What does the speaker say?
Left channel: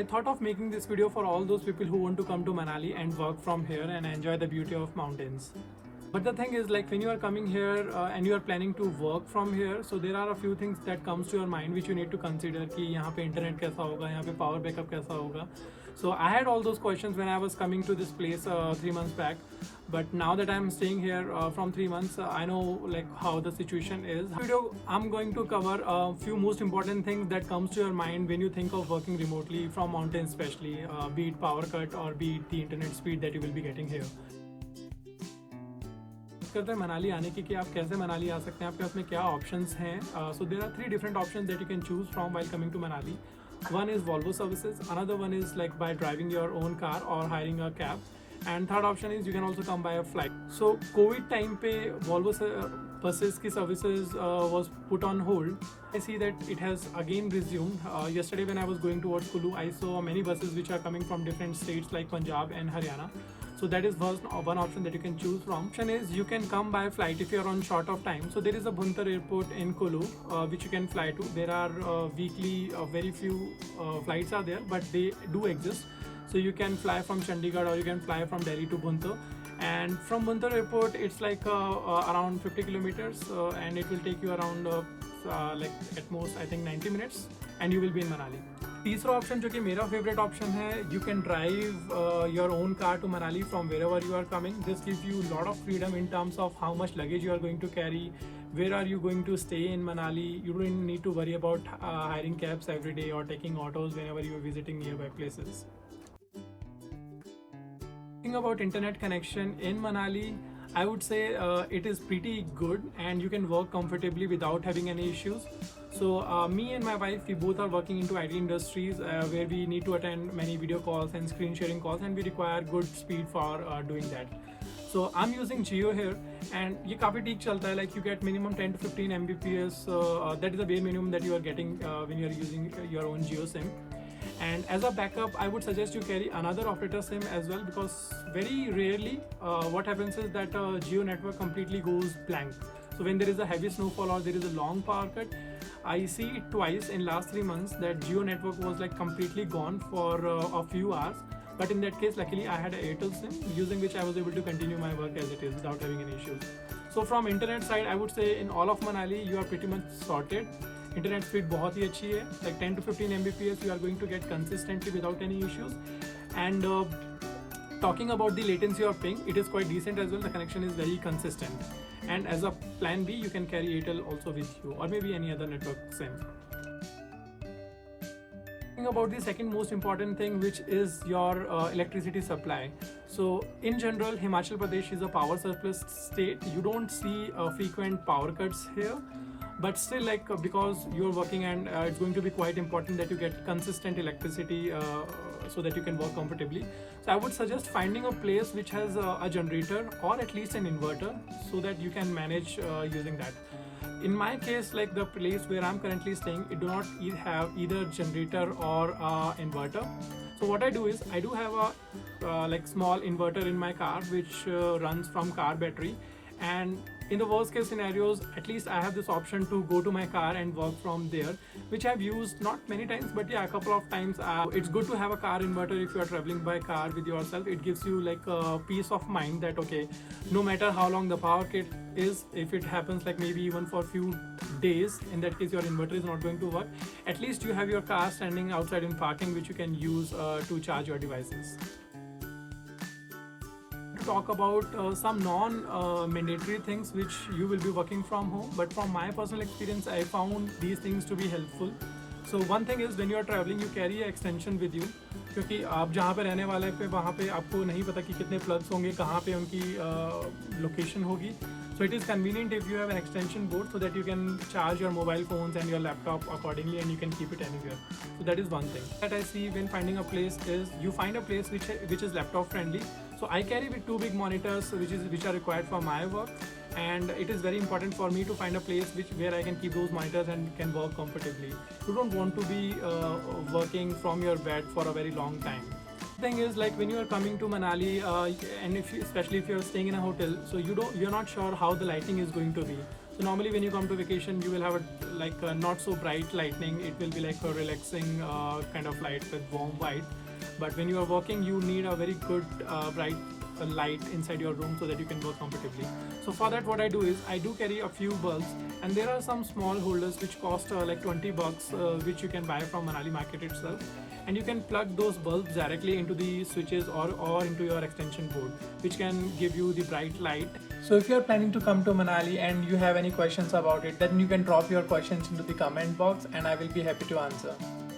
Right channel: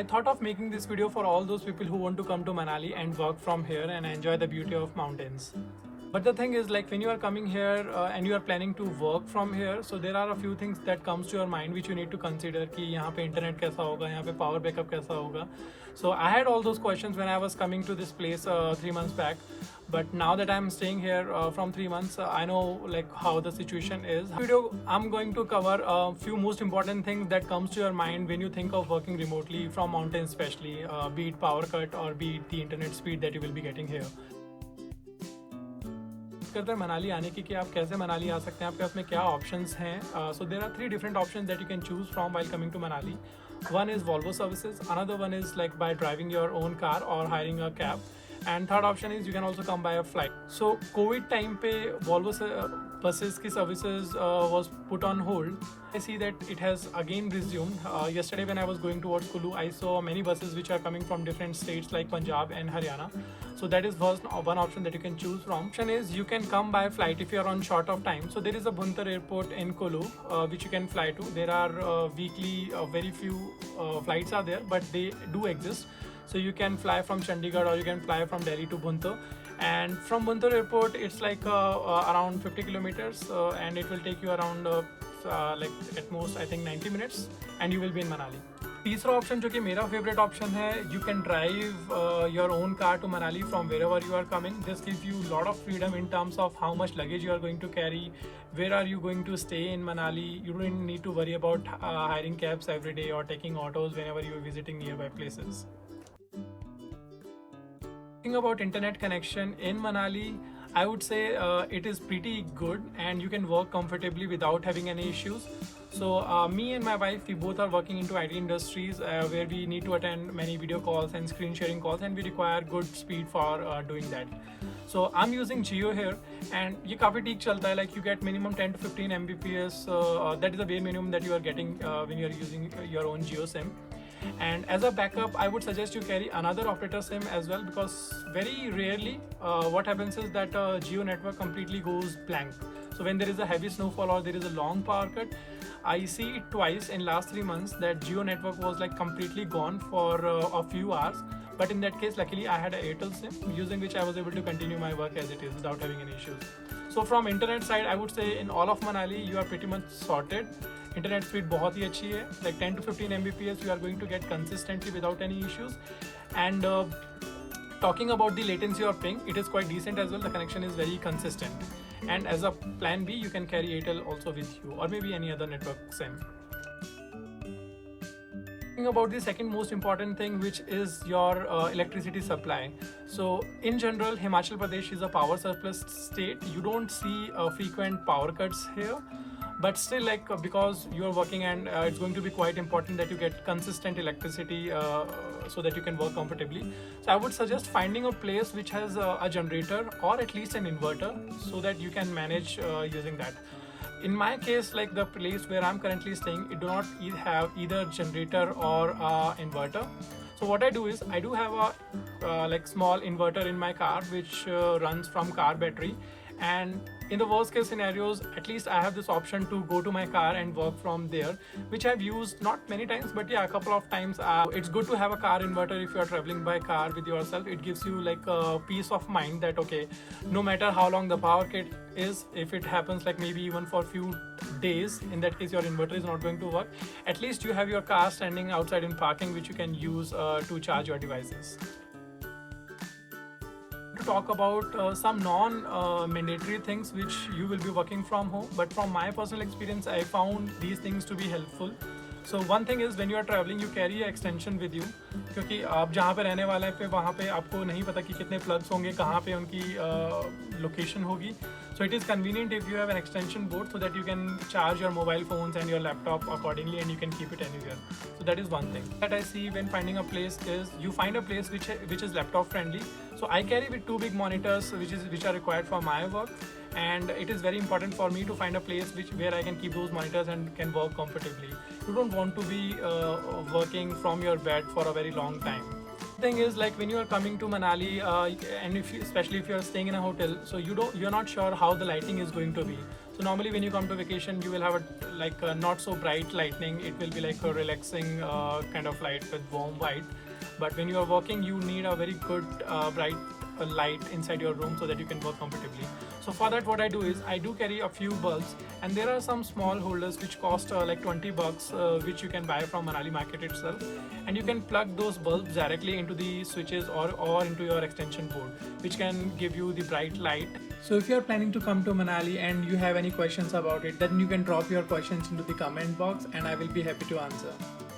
I thought of making this video for all those people who want to come to Manali and work from here and enjoy the beauty of mountains. But the thing is, like, when you are coming here and you are planning to work from here, so there are a few things that comes to your mind which you need to consider कि यहाँ पे internet कैसा होगा, यहाँ पे power backup कैसा होगा. So I had all those questions when I was coming to this place 3 months back. But now that I'm staying here from 3 months, I know like how the situation is. In this video, I'm going to cover a few most important things that comes to your mind when you think of working remotely from mountains, especially be it power cut or be it the internet speed that you will be getting here. करते हैं मनाली आने की कि आप कैसे मनाली आ सकते हैं, आपके पास में क्या ऑप्शंस हैं. So there are 3 different options that you can choose from while coming to Manali. One is Volvo services, another one is like by driving your own car or hiring a cab, and third option is you can also come by a flight. So COVID time पे Volvo buses की services was put on hold. I see that it has again resumed. Yesterday when I was going towards Kulu, I saw many buses which are coming from different states like Punjab and Haryana. So that is one option that you can choose from. Option is you can come by flight if you are on short of time. So there is a Bhuntar airport in Kulu which you can fly to. There are weekly very few flights are there, but they do exist. So you can fly from Chandigarh or you can fly from Delhi to Bhuntar. And from Bhuntar airport, it's like around 50 kilometers and it will take you around like at most I think 90 minutes and you will be in Manali. तीसरा option जो कि मेरा favourite option है, you can drive your own car to Manali from wherever you are coming. This gives you lot of freedom in terms of how much luggage you are going to carry, where are you going to stay in Manali. You don't need to worry about hiring cabs every day or taking autos whenever you are visiting nearby places. Talking about internet connection in Manali, I would say it is pretty good and you can work comfortably without having any issues. So me and my wife, we both are working into IT industries where we need to attend many video calls and screen sharing calls and we require good speed for doing that. So I'm using Jio here and ये काफ़ी ठीक चलता है. Like you get minimum 10 to 15 Mbps. That is the bare minimum that you are getting when you are using your own Jio SIM. And as a backup, I would suggest you carry another operator SIM as well, because very rarely what happens is that Jio network completely goes blank. So when there is a heavy snowfall or there is a long power cut, I see it twice in last 3 months that Jio network was like completely gone for a few hours. But in that case, luckily I had an Airtel SIM using which I was able to continue my work as it is without having any issues. So from internet side, I would say in all of Manali you are pretty much sorted. Internet speed बहुत ही अच्छी है, like 10 to 15 Mbps you are going to get consistently without any issues. And talking about the latency or ping, it is quite decent as well. The connection is very consistent. And as a plan B, you can carry Airtel also with you or maybe any other network SIM. Talking about the second most important thing, which is your electricity supply. So in general, Himachal Pradesh is a power surplus state. You don't see frequent power cuts here. But still, like because you're working and it's going to be quite important that you get consistent electricity so that you can work comfortably. So I would suggest finding a place which has a generator or at least an inverter so that you can manage using that. In my case, like the place where I'm currently staying, it do not have either generator or inverter. So what I do is I do have a like small inverter in my car which runs from car battery. And in the worst case scenarios, at least I have this option to go to my car and work from there, which I've used not many times, but yeah, a couple of times. It's good to have a car inverter if you are traveling by car with yourself. It gives you like a peace of mind that okay, no matter how long the power cut is, if it happens like maybe even for a few days, in that case your inverter is not going to work, at least you have your car standing outside in parking which you can use to charge your devices. Talk about some non-mandatory things which you will be working from home, but from my personal experience I found these things to be helpful. So one thing is when you are traveling, you carry an extension with you, क्योंकि आप जहाँ पे रहने वाले हैं वहाँ पे आपको नहीं पता कि कितने plugs होंगे, कहाँ पे उनकी location होगी. So it is convenient if you have an extension board so that you can charge your mobile phones and your laptop accordingly and you can keep it anywhere. So that is one thing that I see when finding a place is you find a place which is laptop friendly. So I carry with 2 big monitors which are required for my work, and it is very important for me to find a place where I can keep those monitors and can work comfortably. You don't want to be working from your bed for a very long time. Thing is, like when you are coming to Manali and especially if you are staying in a hotel, so you're not sure how the lighting is going to be. So normally when you come to vacation, you will have a not so bright lightning. It will be like a relaxing kind of light with warm white. But when you are working, you need a very good bright light inside your room so that you can work comfortably. So for that, what I do is I do carry a few bulbs, and there are some small holders which cost like 20 bucks, which you can buy from Manali market itself, and you can plug those bulbs directly into the switches or into your extension board, which can give you the bright light. So if you are planning to come to Manali and you have any questions about it, then you can drop your questions into the comment box and I will be happy to answer.